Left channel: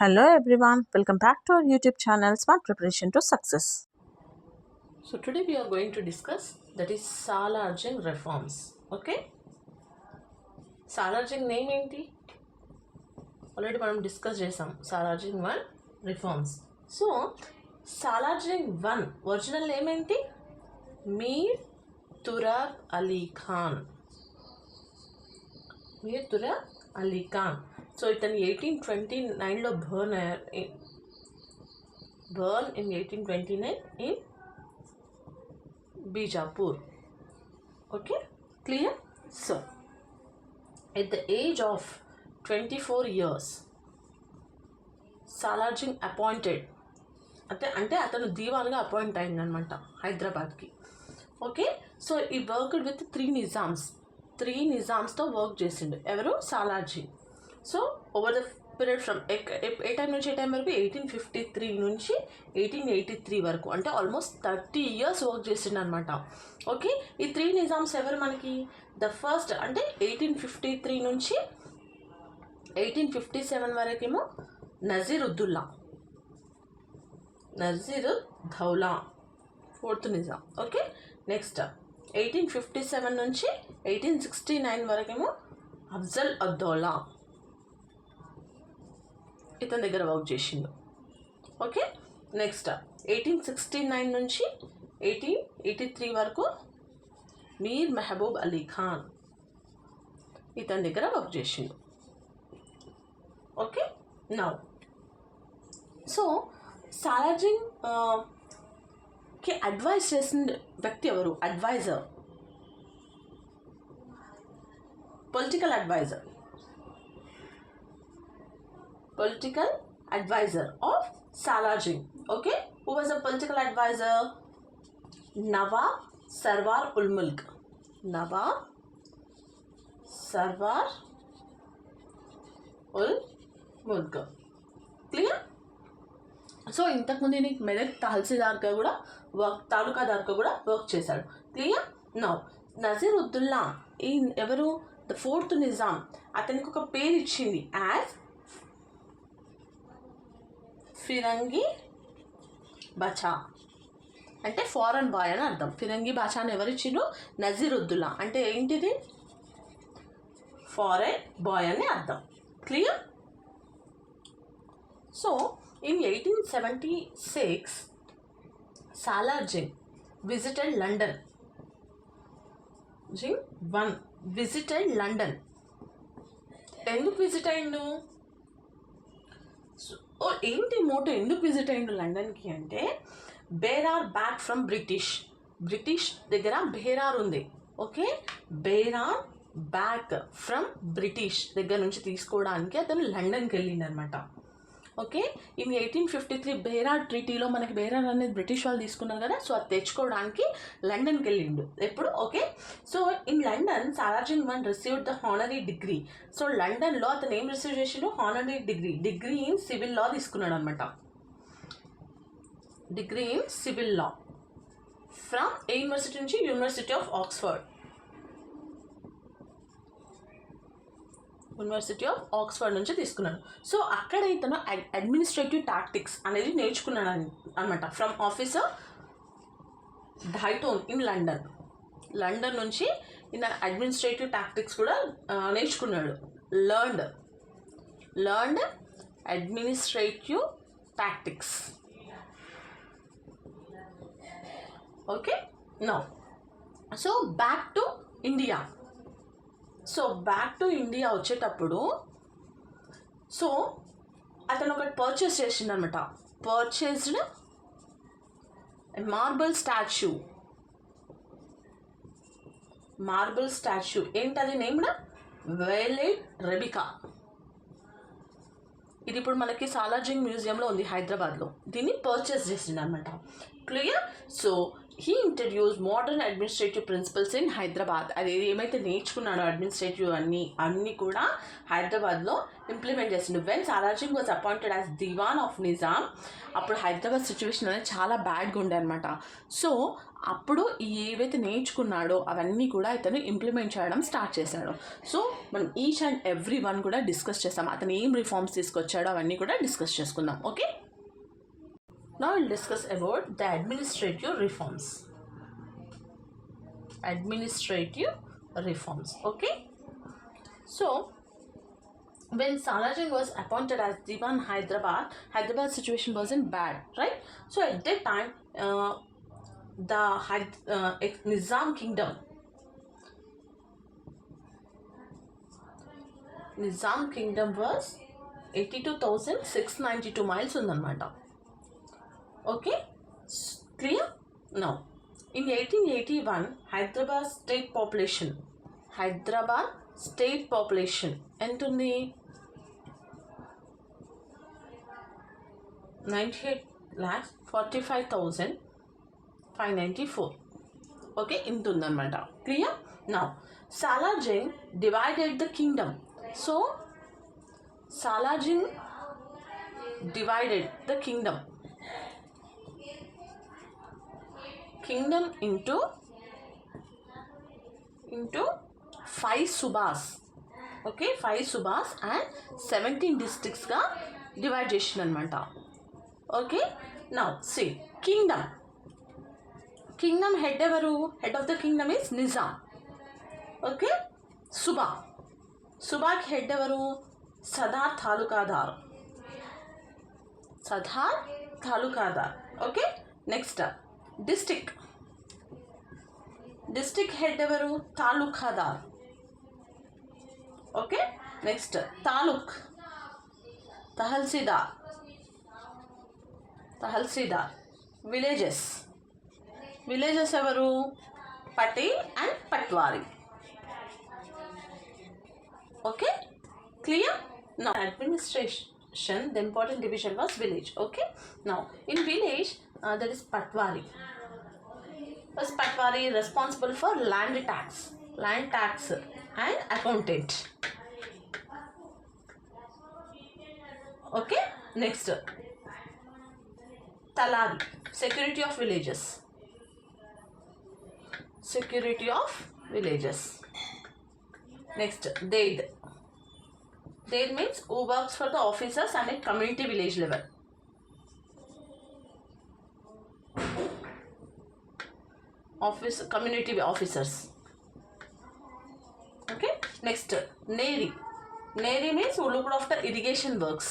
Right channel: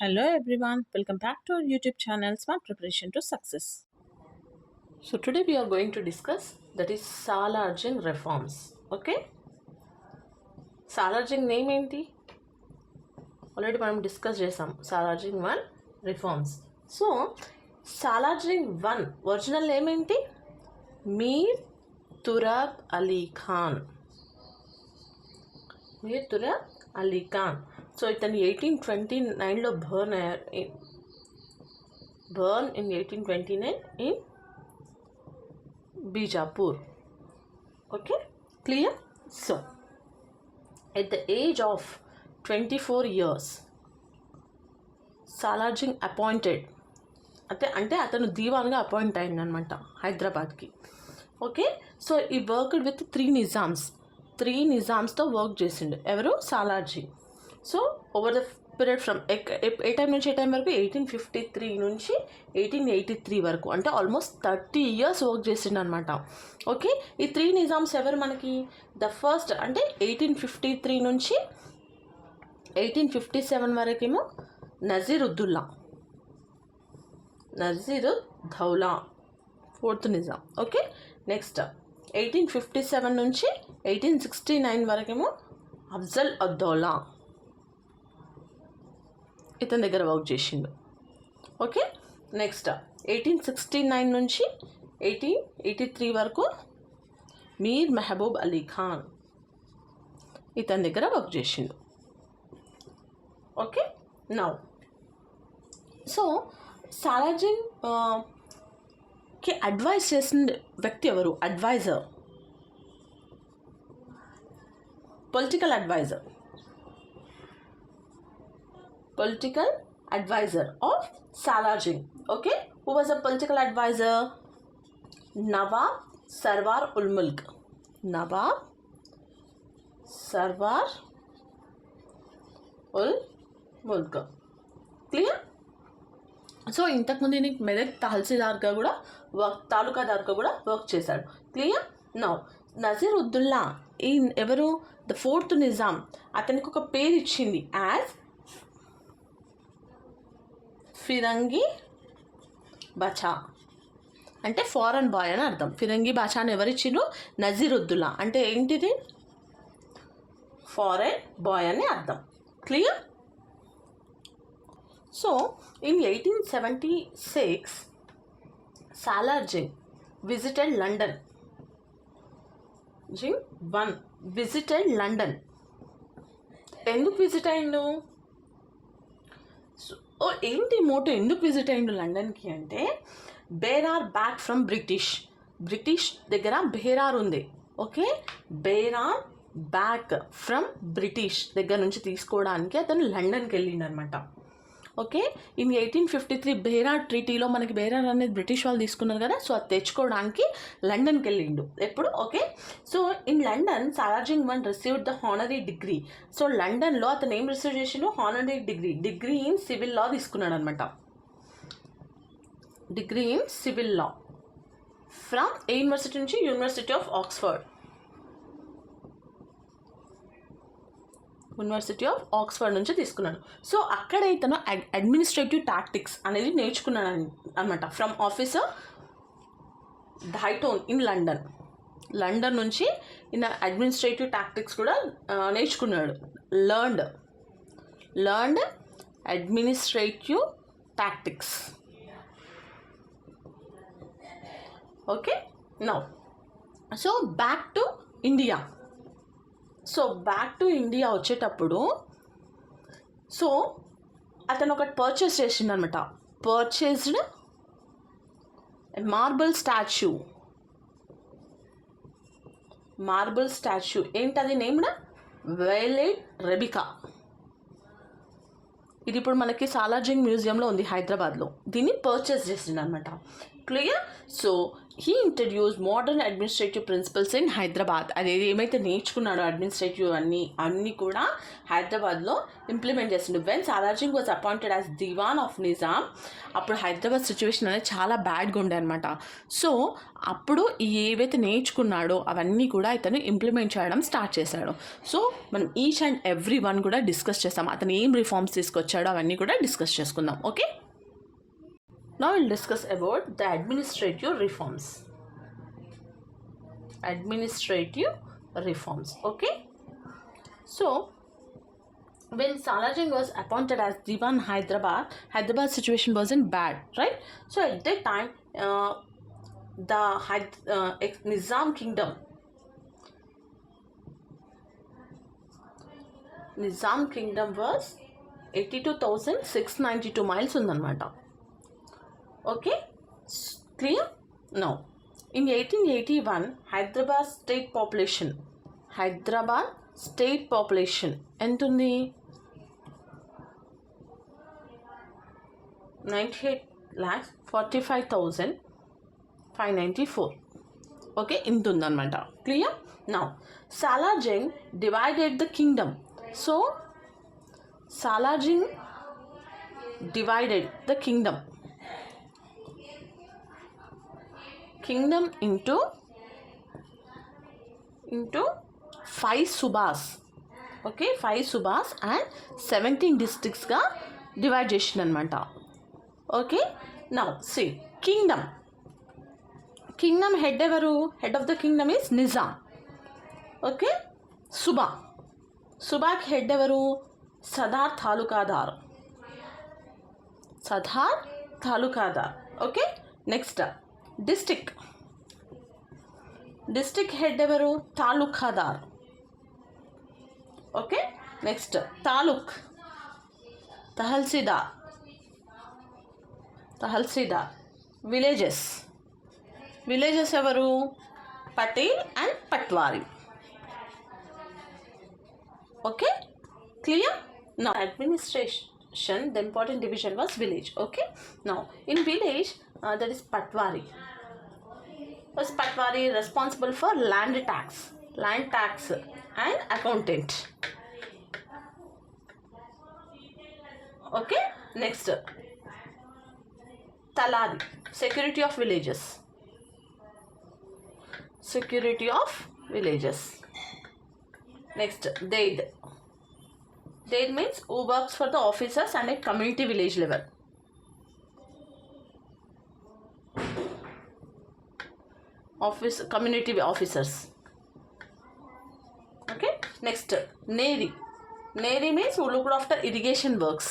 Hello everyone, welcome back to our YouTube channel Smart Preparation to Success. So today we are going to discuss that is Salarjung reforms. Okay? Salarjung name ఏంటి already మనం discuss చేసాం Salarjung 1 reforms. So Salarjung 1 original name ఏంటి? Mir Turab Ali Khan. Mir Turab Ali Khan. So ఇతను 1829లో born in 1829 in Bijapur. Okay, clear? So, at the age of 24 years, Salarjung appointed అంటే అతను దీవాన్గా appoint అయిందనమాట హైదరాబాద్కి. ఓకే, సో ఈ వర్క్డ్ విత్ త్రీ నిజామ్స్తో వర్క్ చేసిండు. ఎవరు? Salarji. So over the period from ఏ టైం నుంచి ఏ టైం వరకు 1853 నుంచి 1883 వరకు, అంటే ఆల్మోస్ట్ 30 years వర్క్ చేసిండు అనమాట. ఓకే, ఈ త్రీ నిజామ్స్ ఎవరు మనకి? ద ఫస్ట్ అంటే 1853 నుంచి 1857 వరకేమో నజీరుద్దౌలా ఫోర్త్ నిజాం. ఓకే, నెక్స్ట్ 1857 నుంచి 1869 వరకేమో అఫ్జల్ అద్దౌలా ఇతని దగ్గర వర్క్ చేసిండు. ఓకే, నెక్స్ట్ 1869 నుంచి 1883 వరకు మీర్ మెహబూబ్ అలీ ఖాన్ ఇతని దగ్గర వర్క్ చేసిండు. ఓకే, నౌ సో సాలార్జింగ్ కి అడ్వైజ్ చేసిన వ్యక్తి ఎవరు? Adviser, political adviser of Salarjung. Okay, who was a political advisor? Nawab Sarwar ul Mulk. Clear? So ఇంతకుముందు నీకు మెదక్ తహసీల్దార్గా కూడా తాలూకాదార్గా కూడా వర్క్ చేశాడు. క్లియర్? నౌ నజీరుద్దౌలా ఈ ఎవరు? The fourth Nizam. అతనికి ఒక పేరు ఇచ్చింది యాజ్ ఫిరంగి బచా, అంటే ఫారెన్ బాయ్ అని అర్థం. ఫిరంగి బాచా అని ఎవరిచ్చిండు? నజీరుద్దౌలా. అంటే ఏంటిది? ఫారెన్ బాయ్ అని అర్థం. Clear? So in 1876 Salar Jung visited London. ఎందుకు విజిట్ అయిండు? ఏంటి మోటో? ఎందుకు విజిట్ అయ్యిండు లండన్కి అంటే, బేరార్ బ్యాక్ ఫ్రమ్ బ్రిటిష్ దగ్గర బేరార్ ఉంది. ఓకే, బేరార్ బ్యాక్ ఫ్రమ్ బ్రిటిష్ దగ్గర నుంచి తీసుకోవడానికి అతను లండన్కి వెళ్ళిండు అనమాట. ఓకే, ఇన్ 1853 బేరార్ ట్రీటీలో మనకి బేరార్ అనేది బ్రిటిష్ వాళ్ళు తీసుకున్నారు కదా, సో అది తెచ్చుకోవడానికి లండన్కి వెళ్ళిండు. ఎప్పుడు? Okay, so in London Salar Jung 1 received the honorary degree. So లండన్లో అతను ఏం రిసీవ్ చేసిండు? హానరీ డిగ్రీ ఇన్ సివిల్ లా తీసుకున్నాడు అనమాట. డిగ్రీ ఇన్ సివిల్ లా ఫ్రమ్ ఏ యూనివర్సిటీ నుంచి? యూనివర్సిటీ ఆఫ్ ఆక్స్ఫర్డ్ నుంచి తీసుకున్నాడు. సో అక్కడ ఇతను అడ్మినిస్ట్రేటివ్ టాక్టిక్స్ అనేది నేర్చుకున్నాడు అనమాట. ఫ్రమ్ ఆఫీసర్ ధైటోన్ ఇన్ లండన్ నుంచి ఈయన అడ్మినిస్ట్రేటివ్ టాక్టిక్స్ కూడా నేర్చుకున్నాడు. Learned administrative tactics. Okay, now so back to India వచ్చేటప్పుడు సో అతను ఒకటి పర్చేస్ చేసిండు అనమాట. Purchased marble statue. ఏంటది? Named veiled Rebecca. ఇది ఇప్పుడు మనకి సాలార్జింగ్ మ్యూజియంలో ఉంది హైదరాబాద్లో. దీన్ని పర్చేస్ చేసిండు అనమాట. Clear? So he introduce modern administrative principles in Hyderabad. అది ఏమైతే నేర్చుకున్నాడో అడ్మినిస్ట్రేటివ్ అన్నీ కూడా హైదరాబాద్లో ఇంప్లిమెంట్ చేసిండు. When Salarjung was appointed as Diwan of Nizam, అప్పుడు హైదరాబాద్ సిచ్యువేషన్ అనేది చాలా బ్యాడ్గా ఉండే అనమాట. సో అప్పుడు ఏవైతే నేర్చుకున్నాడో అవన్నీ కూడా ఇతను ఇంప్లిమెంట్ చేయడం స్టార్ట్ చేశాడు. సో మనం ఈచ్ అండ్ ఎవ్రీ వన్ కూడా డిస్కస్ చేస్తాం. అతను ఏం రిఫార్మ్స్ తీసుకొచ్చాడో అవన్నీ కూడా డిస్కస్ చేసుకుందాం. Okay, now we'll discuss about the administrative reforms. Okay, so when Salarjung was appointed as Diwan Hyderabad situation wasn't bad, right? So at that time the Nizam kingdom was 82,692 miles undanamata. Okay, clear? Now, in 1881, Hyderabad state population ఎంత ఉంది? 98,45,594. Okay, ఇంత ఉందన్నమాట. Clear? Now Salarjung divided the kingdom. So Salarjung divided the kingdom into 5 subas. Okay, 5 subas and 17 districts గా divide చేసిన అనమాట. Okay, now see kingdom head ఎవరు? Head of the kingdom is Nizam. Okay, సుబాకి head ఎవరు? Sadar Talukdar. Okay, next district head ఎవరు? Talukdar. Okay, next Tahsildar. Villages ఎవరు? Patel and Patwari. Okay, clear? Now administration, the important division was village. Okay, now in village that is Patwari. Was Patwari responsible for land tax and accountant. Okay, next Talari, security of villages. Next Daid means who works for the officers and at community village level. Community officers. Okay, next Neri means who looked after irrigation works.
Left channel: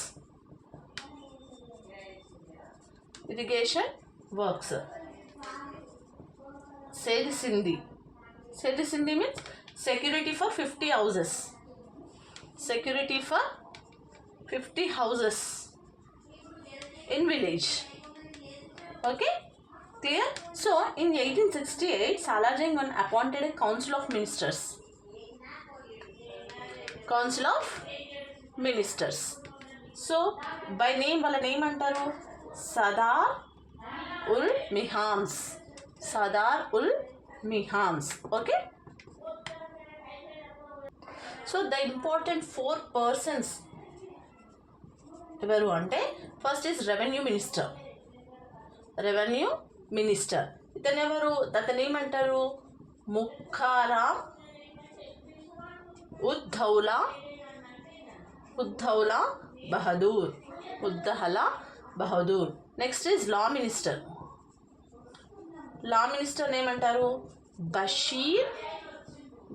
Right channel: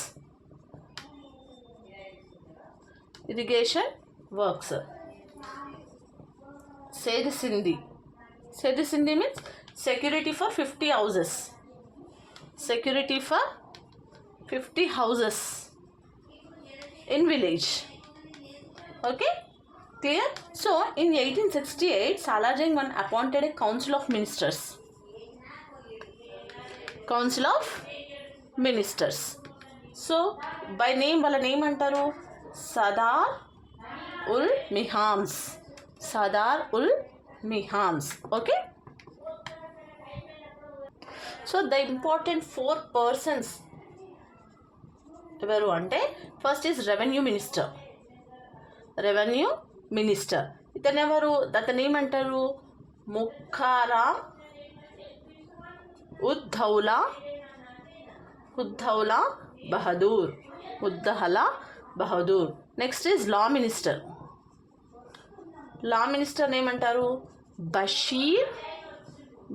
Sedi Sindhi means security for 50 houses. In village. Okay, clear? So in 1868 Salarjung appointed a council of ministers. So by name, వాళ్ళ name అంటారు Sadar ul Mahams. Okay, so the important 4 persons ఎవరు అంటే, first is revenue minister. ఇతను ఎవరు? అతను ఏమంటారు? Mukaram Uddaula Bahadur. Next is law minister ఏమంటారు?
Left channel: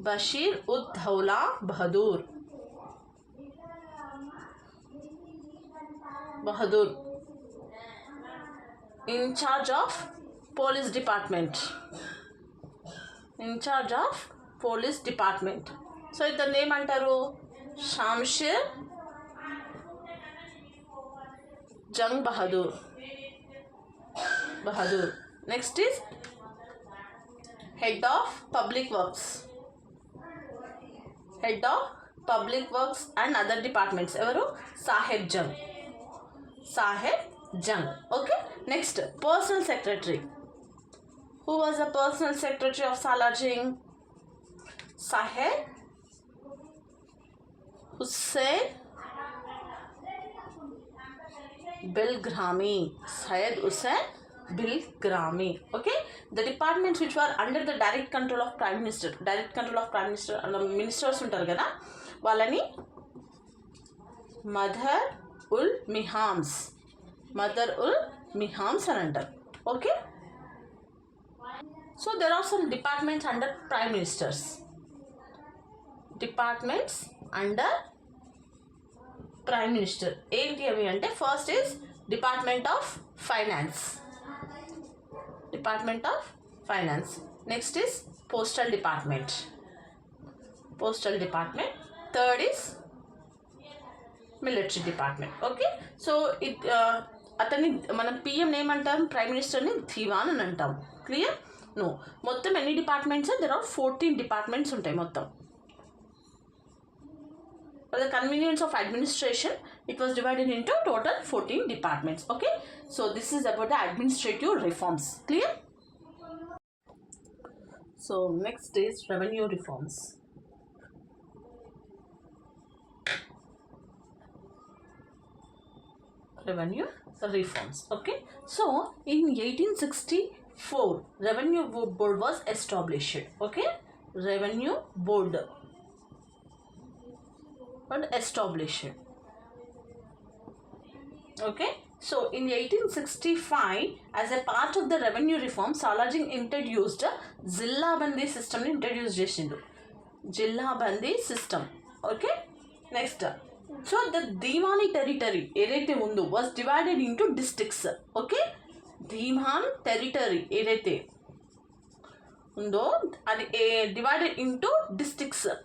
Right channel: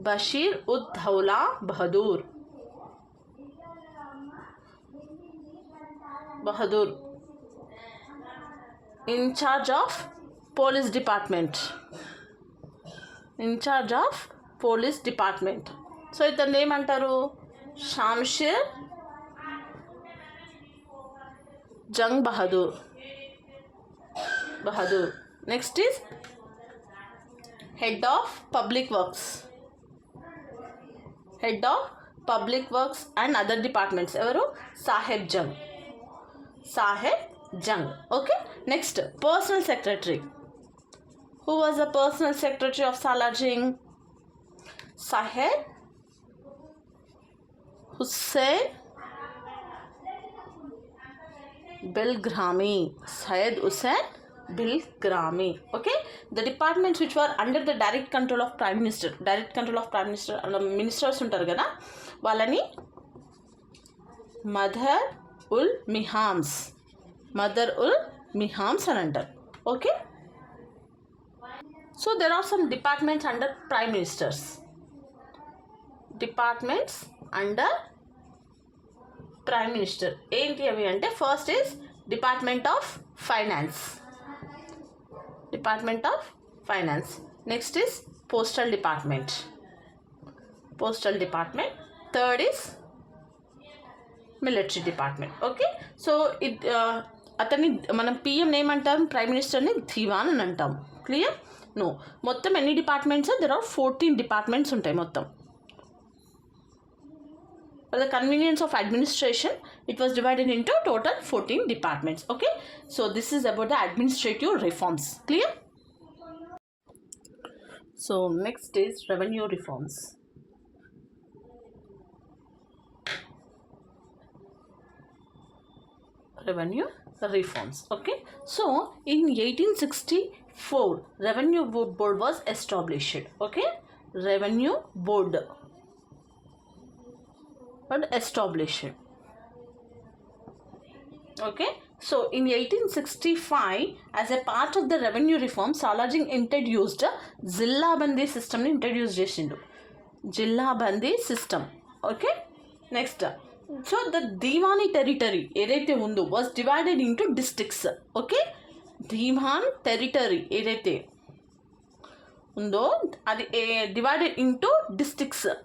Bashir Uddaula Bahadur. in charge of police department. So ఇతను ఏమంటారు? Shamsher Jung Bahadur. Next is head of public works and other departments ఎవరు? Saheb Jung. Okay, next personal secretary. Who was the personal secretary of Salarjung? Syed Hussain Bilgrami. Syed Hussain Bilgrami. Okay, the departments which were under the direct control of prime minister, ministers ఉంటారు కదా వాళ్ళని మదర్ ఉల్ మిహామ్స్ అని అంటారు. Okay, so there are some departments under prime ministers. Departments under prime minister ఏంటి అవి అంటే first is department of finance. Next is postal department. Third is military department. Okay, so అతన్ని మనం పిఎం ఏమంటాం, ప్రైమ్ మినిస్టర్ని దివాన్ అని అంటాం. క్లియర్? నో, మొత్తం ఎన్ని డిపార్ట్మెంట్స్? దెర్ ఆర్ 14 డిపార్ట్మెంట్స్ ఉంటాయి మొత్తం. For the convenience of administration, it was divided into total 14 departments. Okay, so this is about the administrative reforms. Clear? So next is revenue reforms. Okay, so in 1864 revenue board was established. Okay, revenue board established. Okay, so in 1865 as a part of the revenue reform, Salarjung introduced జిల్లా బందీ సిస్టమ్ ని ఇంట్రడ్యూస్ చేసిండు. Zilla Bandi system. Okay, next so the Diwani territory ఏదైతే ఉందో was divided into districts. Okay, Diwan territory ఏదైతే ఉందో అది divided into డిస్ట్రిక్ట్స్గా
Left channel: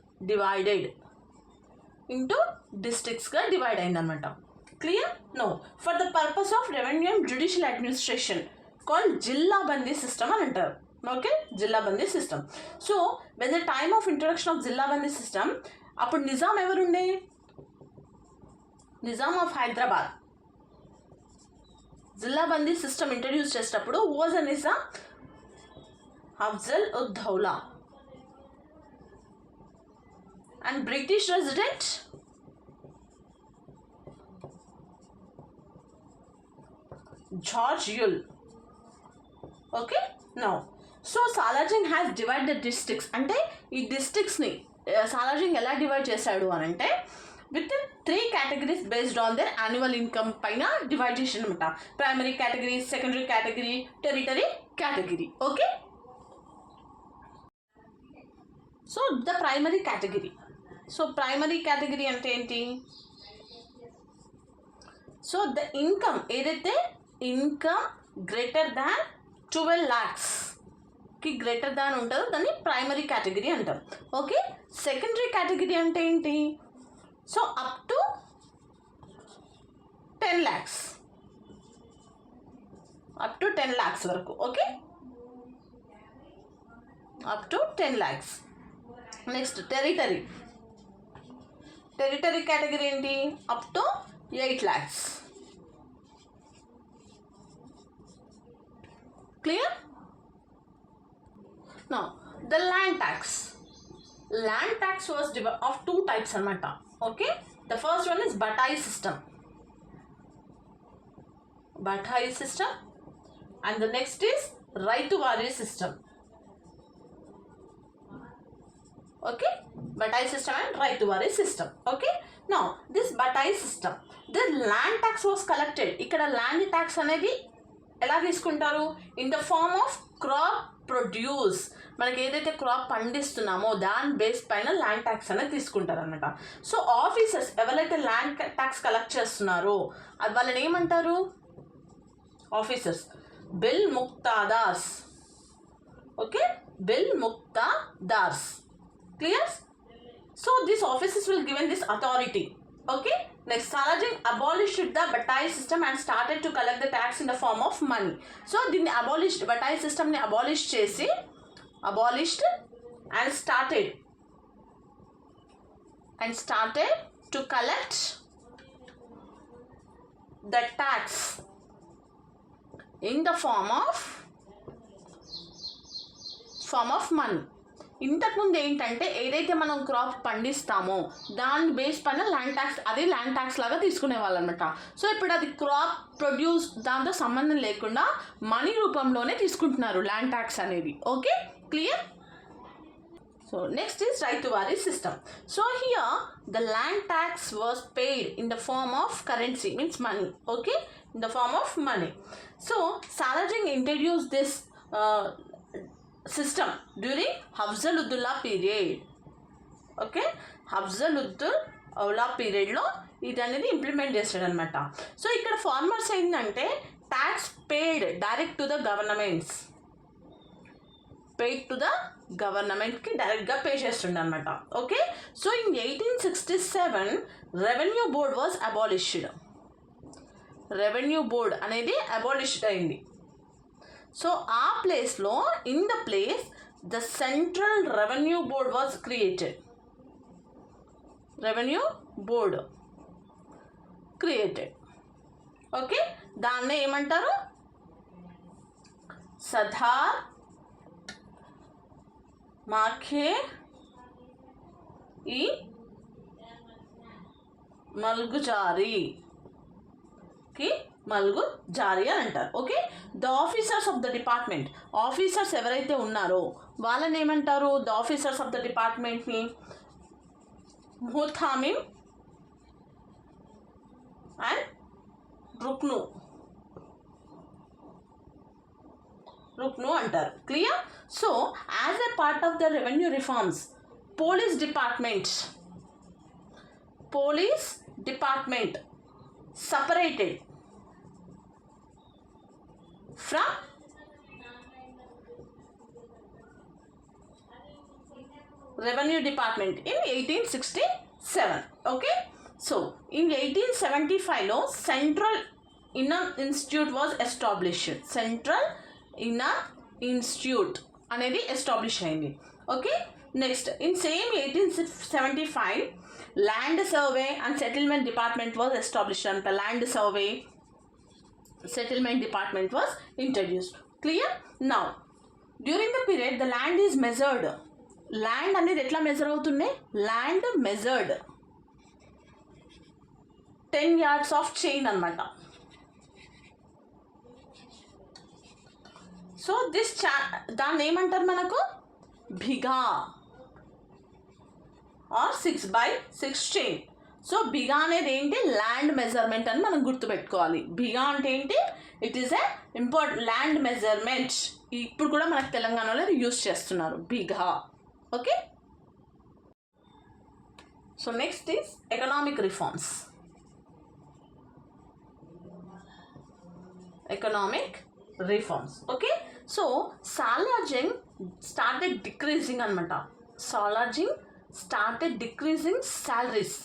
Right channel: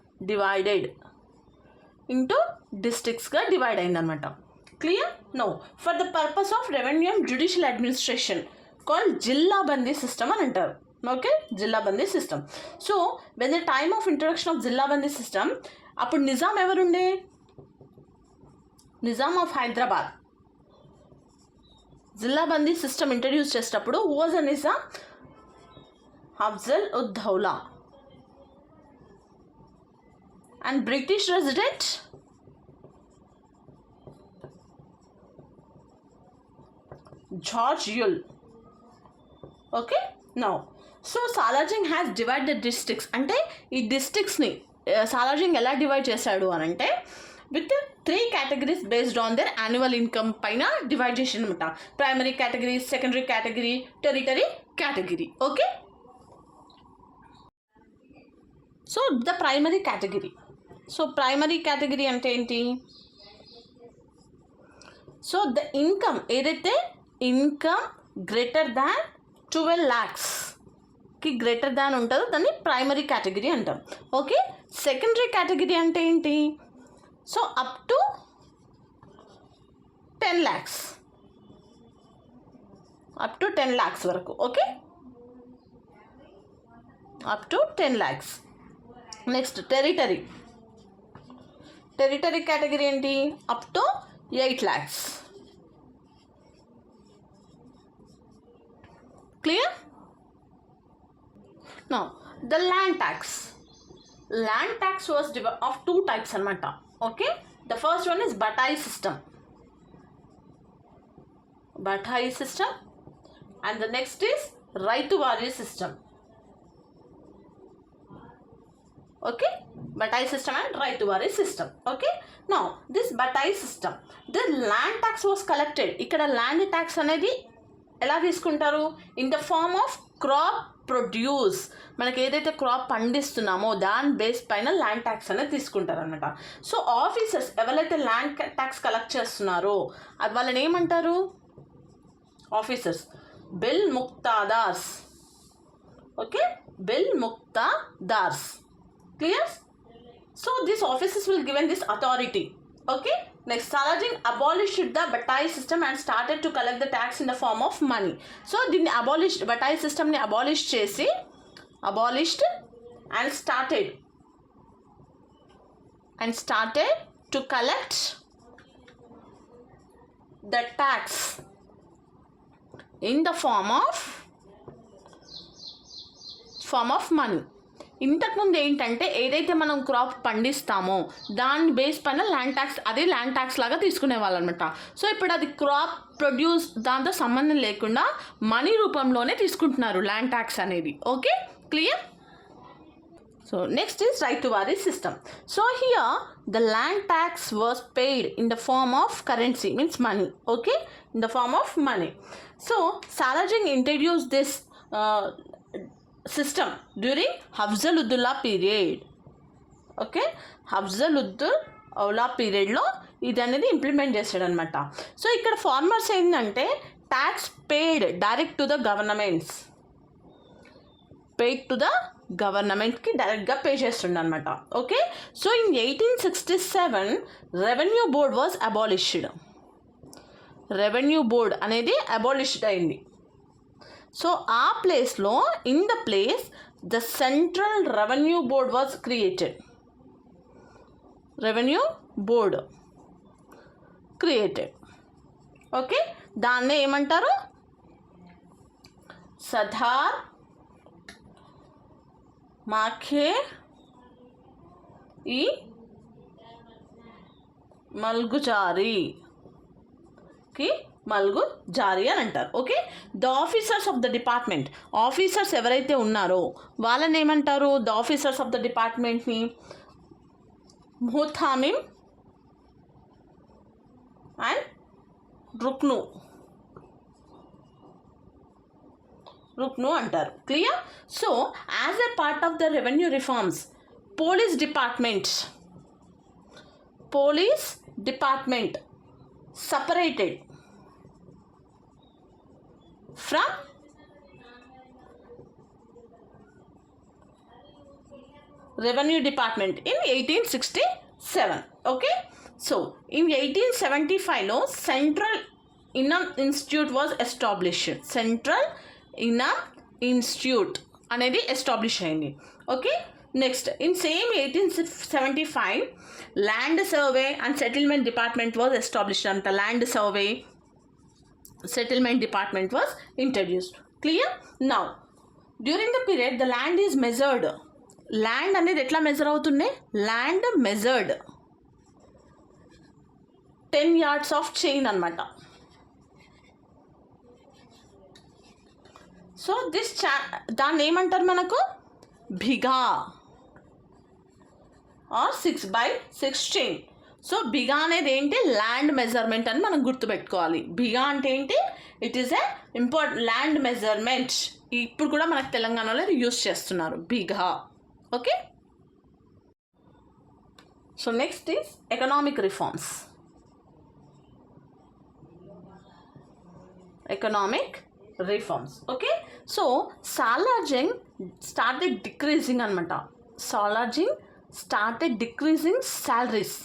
divide అయిందనమాట. Clear? No, for the purpose of revenue and judicial administration called Zilla Bandi system అని అంటారు. Okay, Zilla Bandi system. So when the time of introduction of Zilla Bandi system, అప్పుడు నిజాం ఎవరుండే? Nizam of Hyderabad. Zilla Bandi system introduce చేసేటప్పుడు వాజ్ అ నిజాం అఫ్జల్ ud Daula and British resident George Yule. Okay, now so Salarjung has divided the districts. అంటే ఈ డిస్ట్రిక్ట్స్ని సాలార్జింగ్ ఎలా డివైడ్ చేశాడు అని అంటే with 3 categories based on their annual income పైన డివైడ్ చేసి అనమాట. Primary category, secondary category, territory category. Okay, so the primary category. So primary category అంటే ఏంటి? సో ద ఇన్కమ్ ఏదైతే ఇన్కమ్ గ్రేటర్ దాన్ 12 lakhsకి గ్రేటర్ దాన్ ఉంటుందో దాన్ని ప్రైమరీ కేటగిరీ అంటాం. ఓకే, సెకండరీ కేటగిరీ అంటే ఏంటి? So up to 10 lakhs, up to 10 lakhs వరకు. Okay, up to 10 lakhs. Next territory category ఏంటి? Up to 8 lakhs. Clear? Now the land tax was of 2 types అనమాట. Okay, the first one is Batai system and the next is Ryotwari system. Okay, Batai system and Raituwari system. Okay, now this Batai system, the land tax was collected. ikkada land tax anedi ela తీసుకుంటారు? in the form of crop produce. మనకి ఏదైతే క్రాప్ పండిస్తున్నామో దాని base పైన land tax అనేది తీసుకుంటారు అనమాట. So officers ఎవరైతే ల్యాండ్ ట్యాక్స్ కలెక్ట్ చేస్తున్నారో అది వాళ్ళని ఏమంటారు? ఆఫీసర్స్ బిల్ ముక్తాదార్స్. ఓకే, బిల్ ముక్తాదార్స్. Clear? So these officers will given this authority. Okay, next Salarjung abolished the Batai system and started to collect the tax in the form of money. So దీన్ని abolished, Batai system ని abolished and started to collect the tax in the form of form of money. ఇంతకుముందు ఏంటంటే ఏదైతే మనం crop పండిస్తామో దాని base పైన land tax, అది ల్యాండ్ ట్యాక్స్ లాగా తీసుకునేవాళ్ళు అనమాట. సో ఇప్పుడు అది క్రాప్ ప్రొడ్యూస్ దాంతో సంబంధం లేకుండా మనీ రూపంలోనే తీసుకుంటున్నారు ల్యాండ్ ట్యాక్స్ అనేది. Okay, clear? So next is right to waris system. So here the land tax was paid in the form of currency, means money. Okay, in the form of money. So Salajing introduced this system during Hafzaludullah period. Okay, Hafzaludullah period లో ఇది అనేది ఇంప్లిమెంట్ చేశాడు అనమాట. సో ఇక్కడ ఫార్మర్స్ ఏంటంటే tax paid direct to the governments, paid to the గవర్నమెంట్కి డైరెక్ట్గా పే చేస్తుండ అనమాట. Okay, so in 1867 revenue board was abolished. Revenue board అనేది అబాలిష్డ్ అయింది. సో ఆ ప్లేస్లో in the place the central revenue board was created. Revenue board created. Okay, దాన్నే ఏమంటారు? సదార్ మాఖే ఈ మల్గుజారీకి మల్గుజారీ అని అంటారు. Okay, the officers of the department, officers ఎవరైతే ఉన్నారో వాళ్ళని ఏమంటారు? ద ఆఫీసర్స్ ఆఫ్ ద డిపార్ట్మెంట్ని ముహతామిమ్ అండ్ రుక్ను అంటారు. Clear? So as a part of the revenue reforms, police department separated from revenue department in 1867. Okay, so in 1875 లో Central Inam Institute was established. Central Inam Institute అనేది establish అయింది. Okay, next in same 1875 land survey and settlement department was established అంట. Land survey settlement department was introduced. Clear? Now during the period the land is measured. Land అనేది ఎట్లా measure అవుతుంది? Land measured 10 yards of chain అనమాట. So this దాన్ని ఏమంటారు మనకు? Bigha or 6/6 chain. So bigha అనేది ఏంటి? ల్యాండ్ మెజర్మెంట్ అని మనం గుర్తుపెట్టుకోవాలి. బిఘా అంటే ఏంటి? It is a important land measurement. ఇప్పుడు కూడా మనకు తెలంగాణలో యూస్ చేస్తున్నారు bigha. Okay, so next is economic reforms. Economic reforms. Okay, so Salarjung started decreasing అనమాట. Salarjung started decreasing salaries.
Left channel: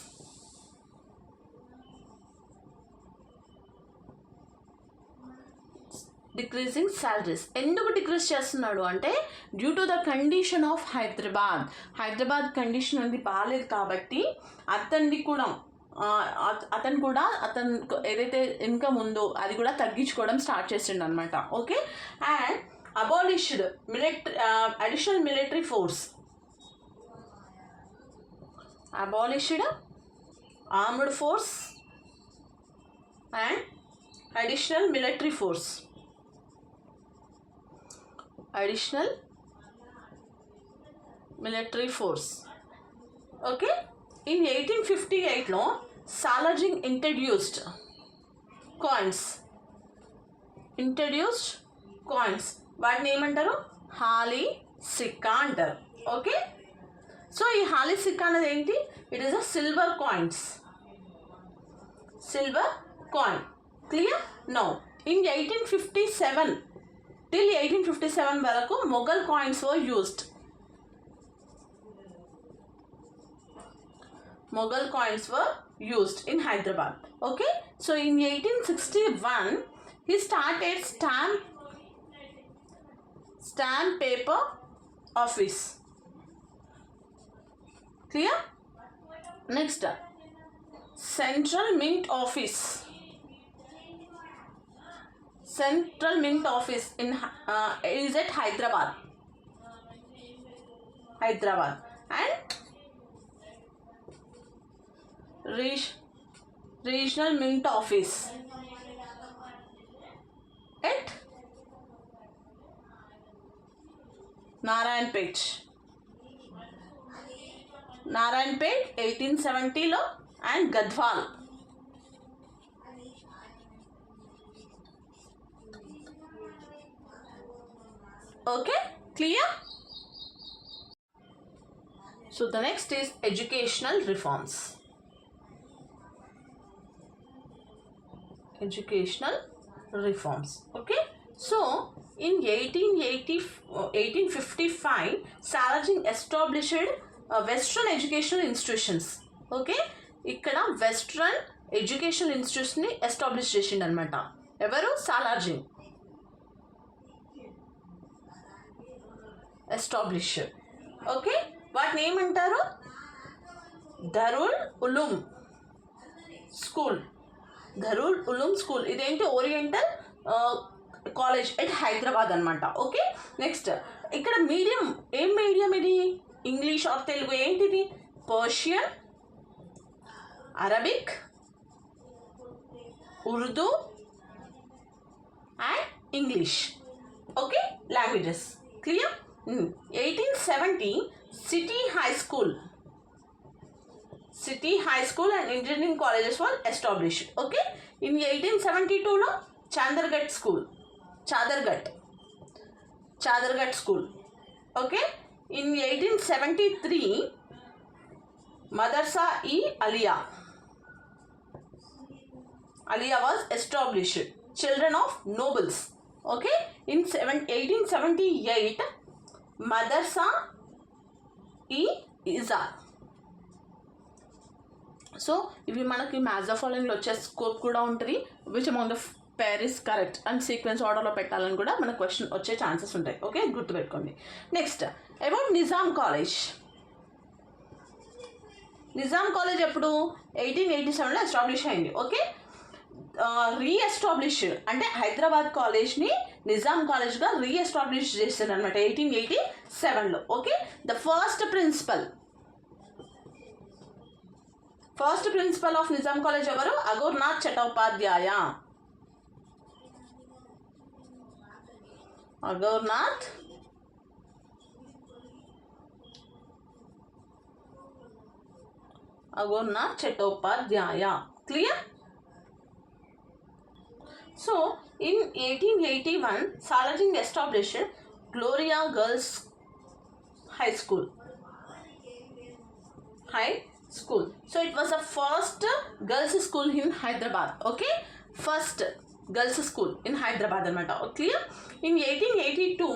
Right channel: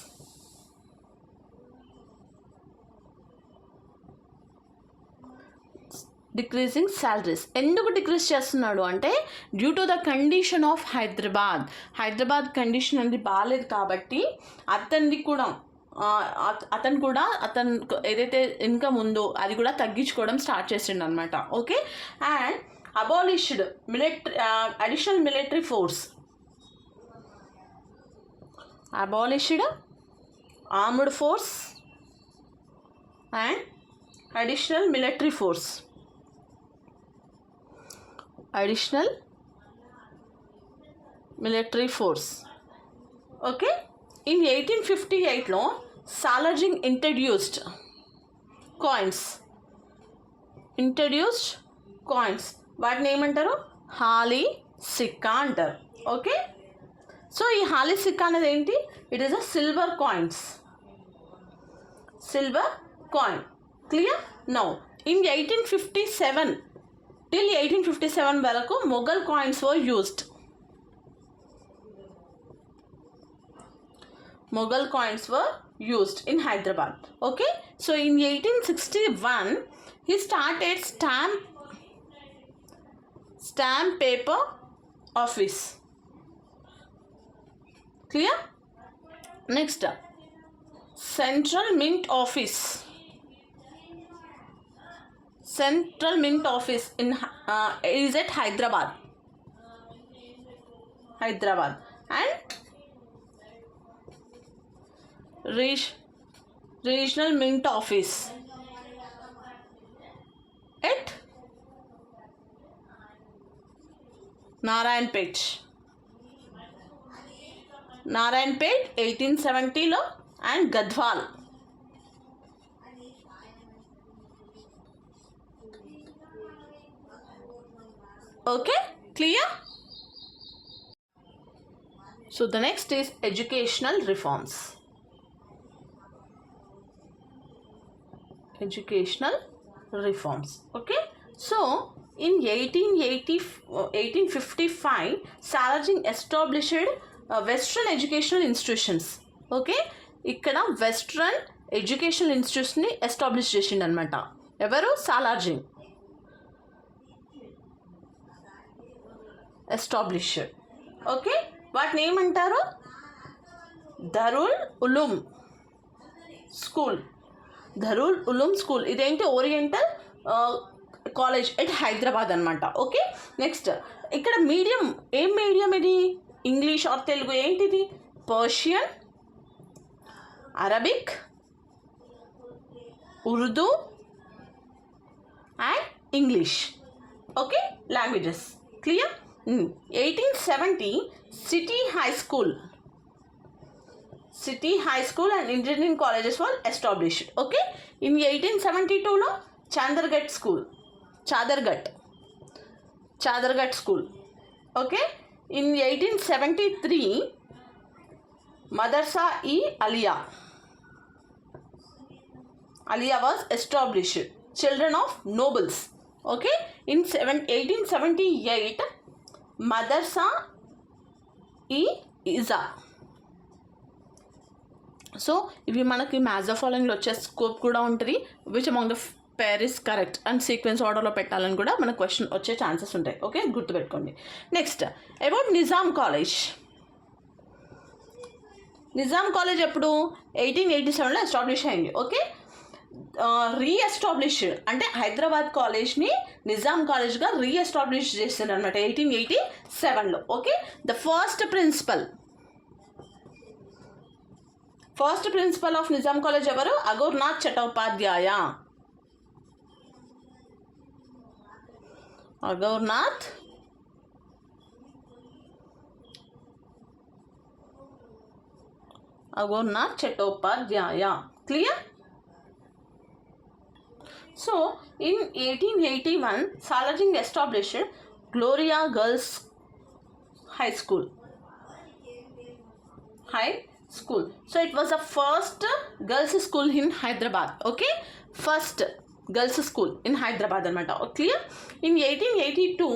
Decreasing salaries ఎందుకు డిక్రీజ్ చేస్తున్నాడు అంటే due to the condition of Hyderabad condition అనేది బాగాలేదు కాబట్టి అతను కూడా ఏదైతే ఇన్కమ్ ఉందో అది కూడా తగ్గించుకోవడం స్టార్ట్ చేసిండు అనమాట. Okay, and abolished additional military force. Abolished armed force and additional military force. Additional military force. Okay, in 1858లో సాలార్జింగ్ ఇంట్రడ్యూస్డ్ కాయిన్స్. వాటిని ఏమంటారు? హాలీ సిక్కా అంటారు. ఓకే, సో ఈ హాలీ సిక్కా అనేది ఏంటి? It is a silver coin. Clear? No in 1857 till 1857 వరకు Mughal coins were used. Mughal coins were used in Hyderabad. Okay, so in 1861 he started stamp paper office. Clear? Next, Central Mint Office. Central Mint Office is at Hyderabad. Hyderabad, and regional mint office at Narayanpet 1870లో and Gadwal. Okay, clear? So the next is educational reforms. Educational reforms. Okay, so in 1855 Salajing established western educational institutions. Okay, ఇక్కడ western educational ఇన్స్టిట్యూట్స్ని establish చేసిండు అనమాట. ఎవరు? Salarjung establish. Okay, వాటిని ఏమంటారు? Darul Uloom school. Darul Uloom school ఇదేంటి? Oriental college at Hyderabad అనమాట. Okay, next ఇక్కడ మీడియం ఏం మీడియం ఇది? English or Telugu? ఏంటిది? Persian, Arabic, Urdu and English. Okay, languages. Clear? 1870 City High School and engineering colleges were established. Okay, in 1872 లో Chaderghat school. Okay, in 1873 Madrasa e Aliyah was established, children of nobles. Okay, in 1878 Madrasa e Iza. So ఇవి మనకి maths of ఫాలోయింగ్లో వచ్చే స్కోప్ కూడా ఉంటుంది. Which among the pair is correct and sequence ఆర్డర్లో పెట్టాలని కూడా మనకు క్వశ్చన్ వచ్చే ఛాన్సెస్ ఉంటాయి. ఓకే, గుర్తుపెట్టుకోండి. Next about Nizam college. Nizam college ఎప్పుడు? 1887లో ఎస్టాబ్లిష్ అయింది. ఓకే, రీఎస్టాబ్లిష్ అంటే హైదరాబాద్ కాలేజ్ని నిజాం కాలేజ్గా రీఎస్టాబ్లిష్ చేశారు అనమాట 1887లో. Okay, the first principal of Nizam college ఎవరు? Aghornath Chattopadhyay. Aghornath Chattopadhyay. Clear? So, in 1881, Salajing established Gloria Girls High School. So, it was the first girls school in Hyderabad. Okay, first girls school in Hyderabad. Clear? In 1882,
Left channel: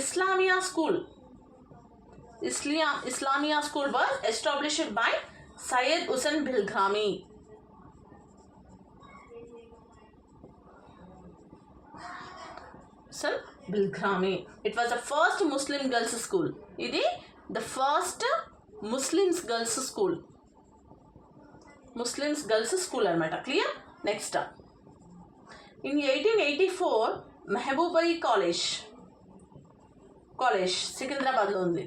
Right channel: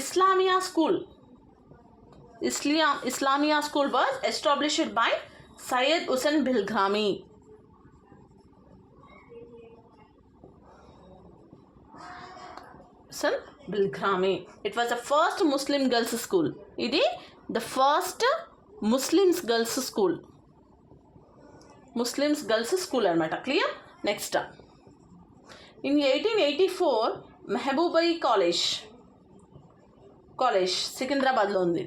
Islamia School was established by Syed Hussain Bilghami. It was the first Muslim girls school. Idi the first Muslims girls school anamata. Clear? Next, in 1884 Mehboobai College Secunderabad lo undi.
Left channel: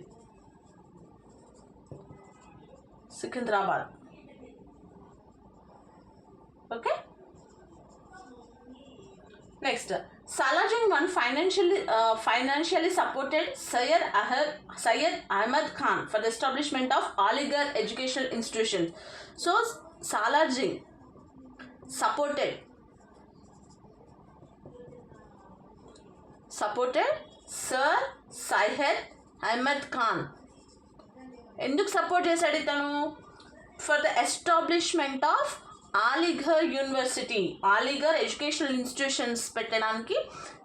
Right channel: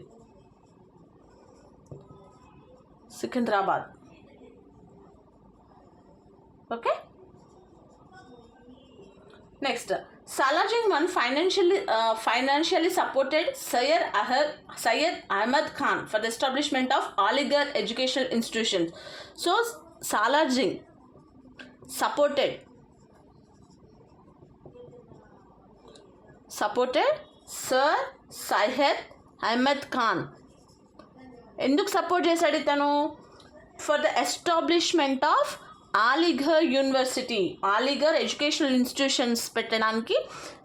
Okay, next, Salajing one financially supported Syed Ahmad Khan for the establishment of Aligarh educational institutions. So Salajing supported Sir Syed Ahmad Khan. ఎందుకు support చేశాడు ఇతను? For the establishment of Aligarh university, Aligarh educational institutions పెట్టడానికి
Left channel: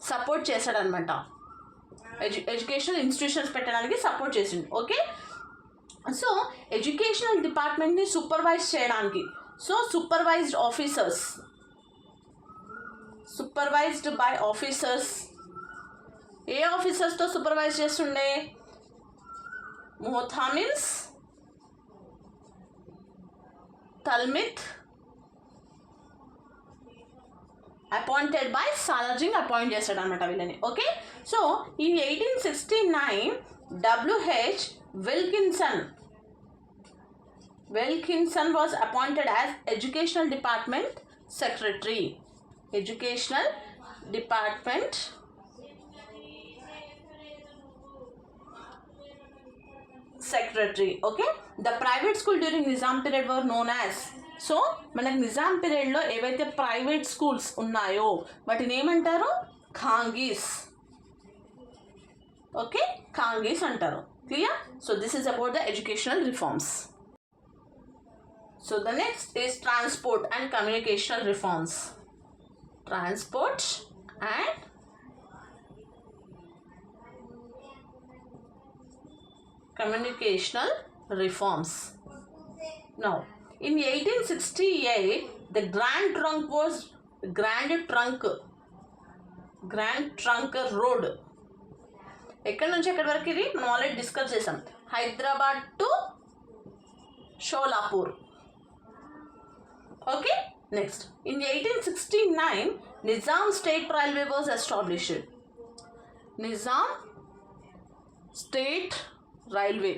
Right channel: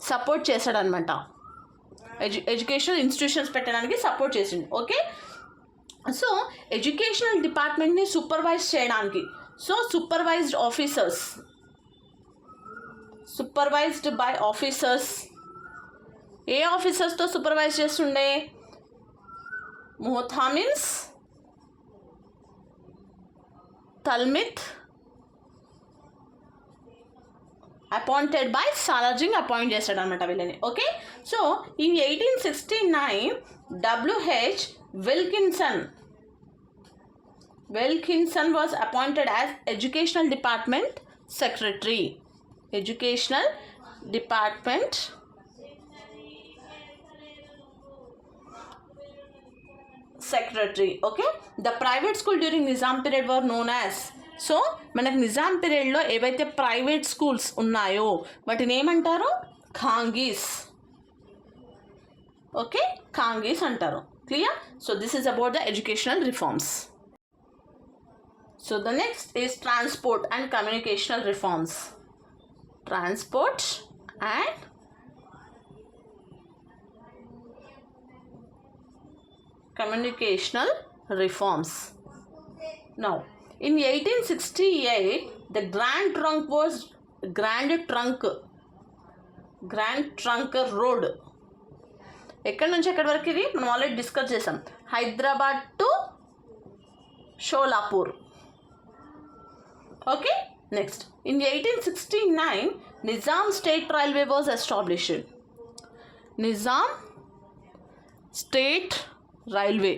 support చేశాడనమాట. Educational institutions పెట్టడానికి support చేసిండు. Okay, so educational డిపార్ట్మెంట్ని supervise చేయడానికి, so supervised by officers. ఏ ఆఫీసర్స్తో సూపర్వైజ్ చేస్తుండే? ముహతామిన్స్, తల్మిత్, అపాయింటెడ్ బై సాలార్జింగ్ అపాయింట్ చేశాడు అనమాట వీళ్ళని. Okay, so in 1869 W.H. Wilkinson was appointed as Educational Department Secretary. Educational Department Secretary. Okay. The private school during Nizam period were known as. So మనకు నిజాం పీరియడ్లో ఏవైతే ప్రైవేట్ స్కూల్స్ ఉన్నాయో వాటిని ఏమంటారు? ఖాంగీస్. ఓకే, ఖాంగీస్ అంటారు. Clear? So this is about the educational reforms. So the next is transport and communicational reforms. Transport and communicational reforms. Now, in 1868, the Grand Trunk Road. ఎక్కడి నుంచి ఎక్కడి వరకు ఇది మనం ఆల్రెడీ డిస్కస్ చేసాం. Hyderabad to Sholapur. Okay, next in 1869 Nizam state railway was established. Nizam state railway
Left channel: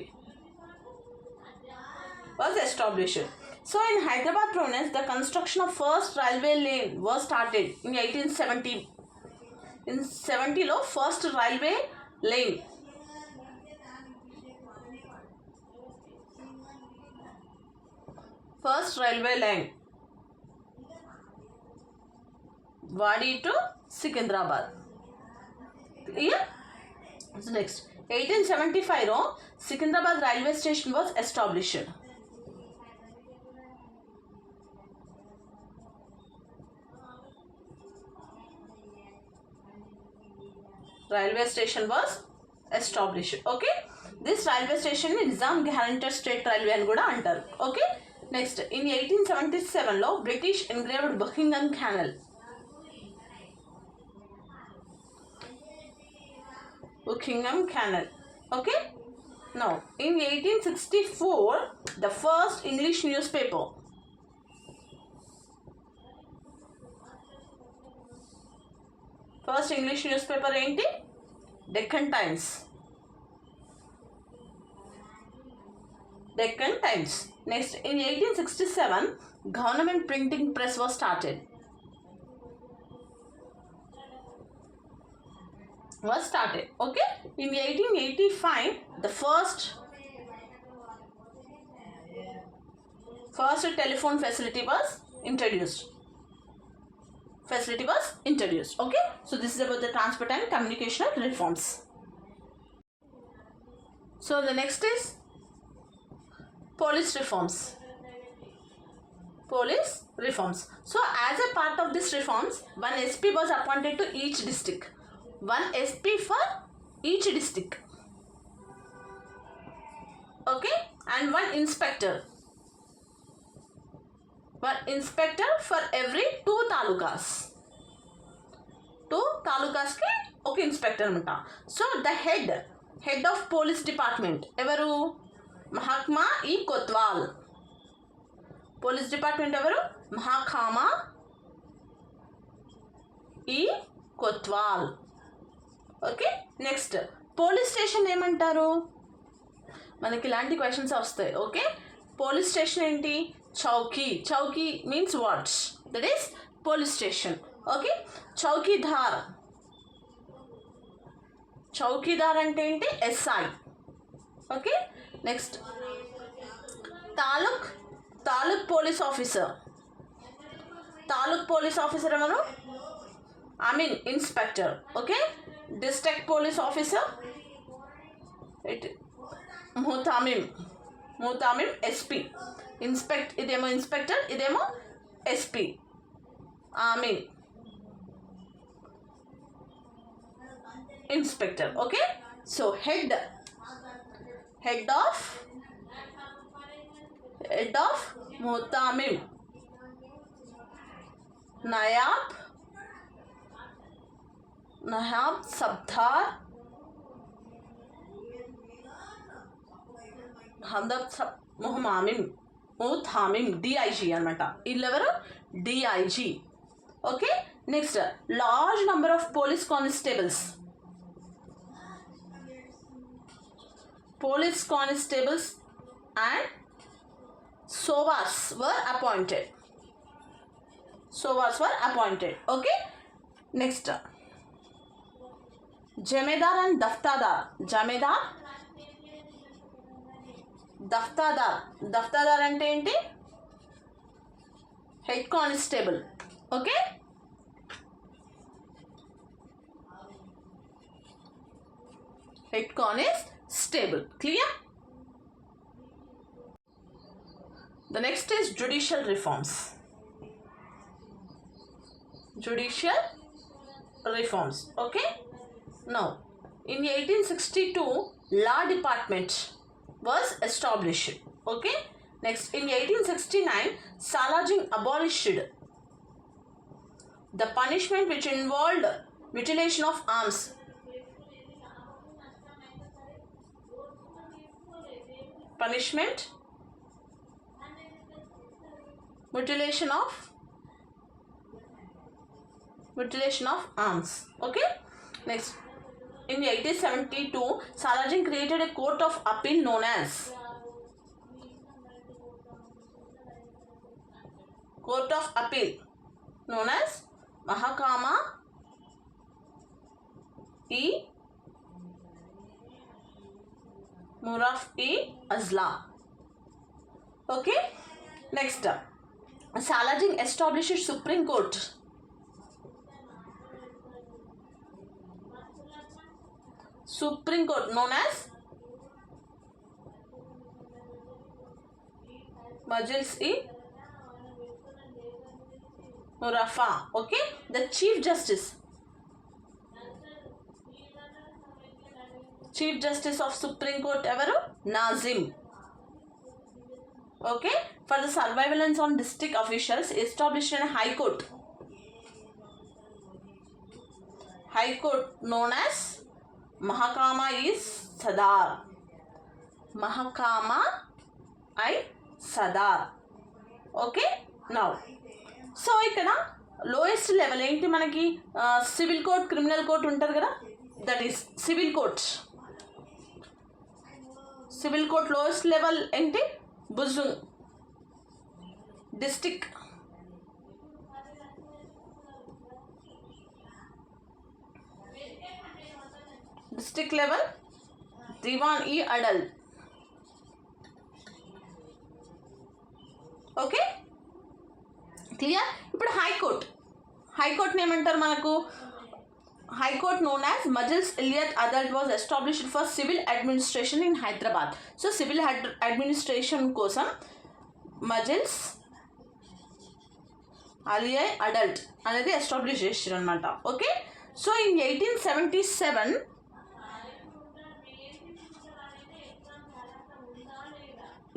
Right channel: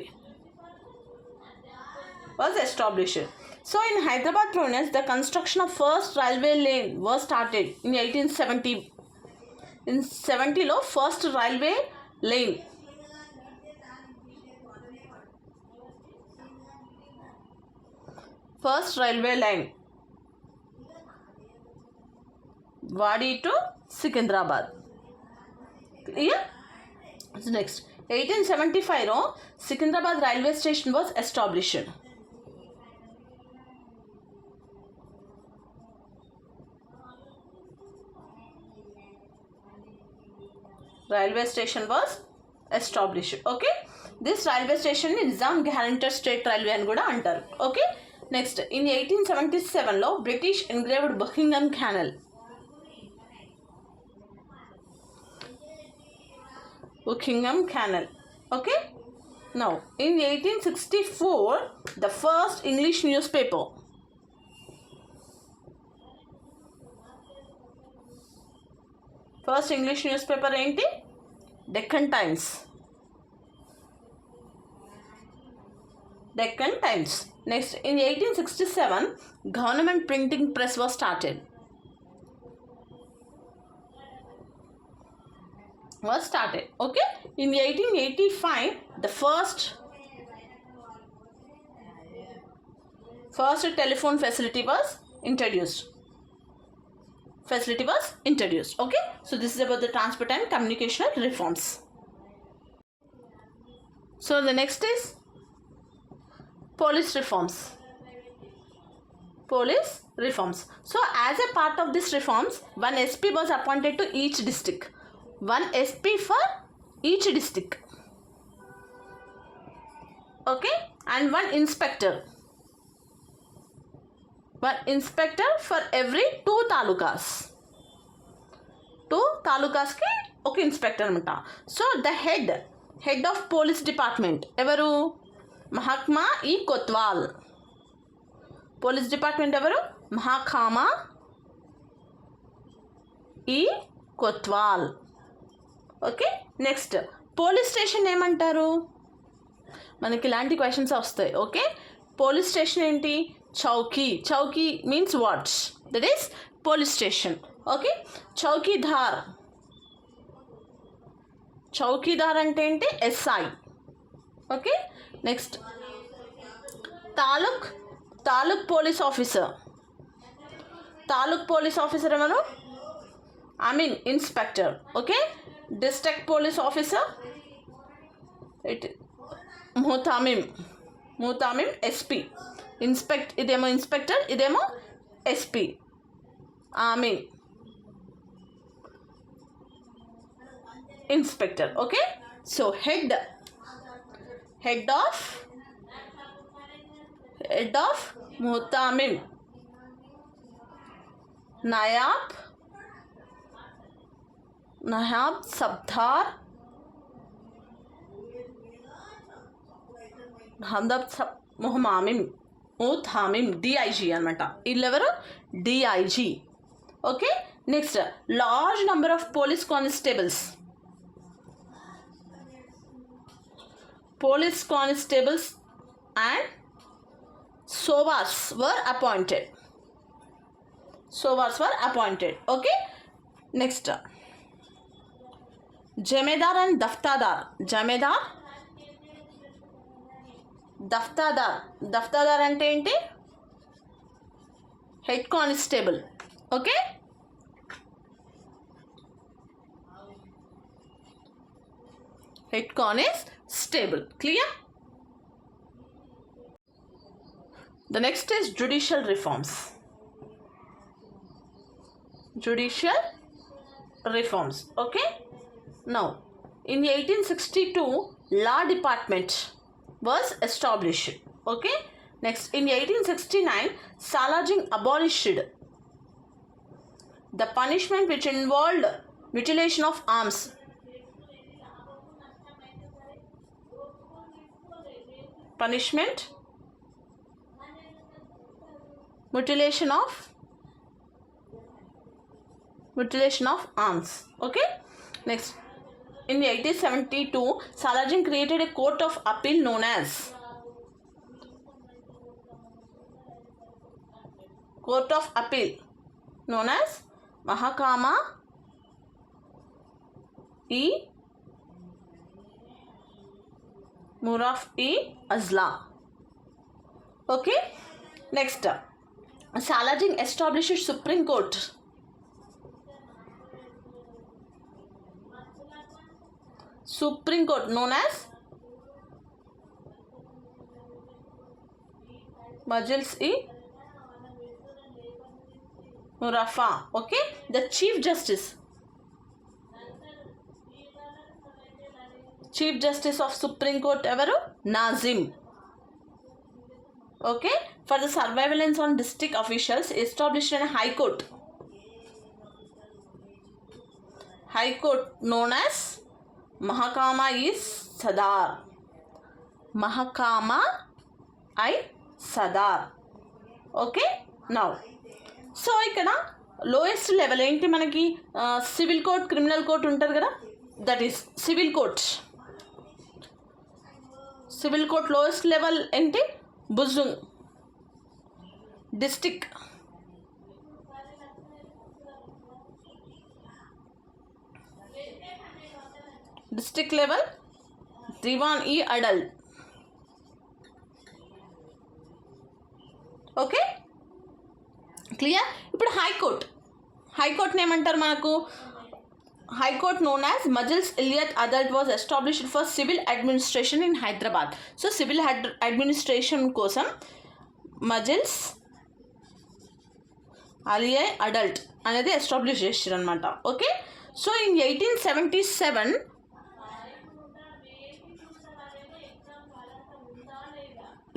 was established. So in Hyderabad province, the construction of first railway lane was started in 1870. In 70 lo first railway lane. First railway line. Wadi to Secunderabad. Clear? So next. 1875 లో Secunderabad railway station was established. Railway station was established. Okay, this railway station ని Nizam guarantor state railway అని కూడా అంటారు. Okay, next in 1877 లో British engraved Buckingham canal. Buckingham Canal. Okay. Now, in 1864, the first English newspaper. First English newspaper ఏంటి? Deccan Times. Deccan Times. Next, in 1867, government printing press was started. Okay, in 1885 the first telephone facility was introduced. Okay, so this is about the transport and communicational reforms. So the next is police reforms. So as a part of this reforms, one SP was appointed to each district. One SP for each district. Okay, and one inspector for every 2 talukas. 2 talukas ki oka inspector anamata. So the head of police department evaru? Mahakama E Kotwal. Police department evaru? Mahakama E Kotwal. Okay, next police station ఏమంటారు? మనకి ఇలాంటి questions వస్తాయి. Okay, police station ఏంటి? Chowki means what's, that is police station. Okay, chowkidar అంటే ఏంటి? SI. Okay, next taluk police officer ఎవరు? Inspector. Okay, district police officer, muhtamim SP. ఇదేమో inspector, ఇదేమో SP. Inspector. Okay, so head of muhtamim, నాయాబ్ సబ్దార్, ముహతామిం DIG అనమాట. వీళ్ళెవరు? DIG. Okay, next large number of police constables. police constables and sovars were appointed. Sovars were appointed. Okay. Next, jamadar and daftadar. Jamadar, daftadar. Daftadar అంటే ఏంటి? Head constable. Okay. Head constable. Clear? The next is judicial reforms. Judicial reforms. Okay. Now, in 1862, law department was established. Okay. Next, in 1869, Salajing abolished the punishment which involved mutilation of arms. Punishment, mutilation of arms. Okay. Next, in 1872, Salajing created a court of appeal known as Mahakama e Azla. Okay. Next, Salajing established Supreme Court. Supreme Court known as Majlis-e-Murafa. Okay. The Chief Justice of Supreme Court evaru? Nazim. Okay. For the surveillance on district officials, established a High Court. High Court known as Mahakama is Sadar. Mahakama I Sadar. Okay. Now, so ఇక్కడ lowest level ఏంటి మనకి? Civil court, criminal court ఉంటుంది కదా, that is civil court. Civil court lowest level ఏంటి? బుజుంగ్. District level దివాన్ ఈ అడల్. Okay. Clear? ఇప్పుడు హైకోర్ట్ని ఏమంటారు మనకు? High court known as Majlis Aliya Adalat was established for civil administration in Hyderabad. So civil administration కోసం మజిల్స్ అలియా అడల్ట్ అనేది ఎస్టాబ్లిష్ చేశారు అనమాట. Okay. So in 1877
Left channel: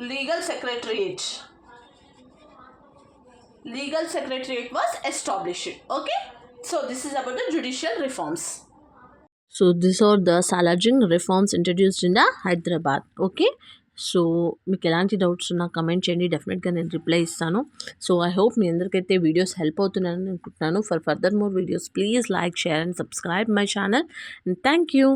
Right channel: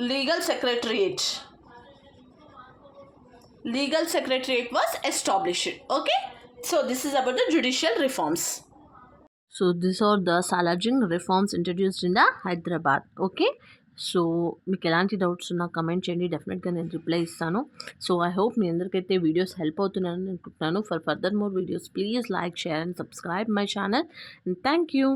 legal secretariat was established. Okay. So this is about the judicial reforms. So these are the Salajing reforms introduced in the Hyderabad. Okay. So మీకు ఎలాంటి డౌట్స్ ఉన్నా కమెంట్ చేయండి, డెఫినెట్గా నేను రిప్లై ఇస్తాను. సో ఐ హోప్ మీ అందరికైతే videos help అవుతున్నాయని అనుకుంటున్నాను. For further more videos please like, share and subscribe my channel. And thank you.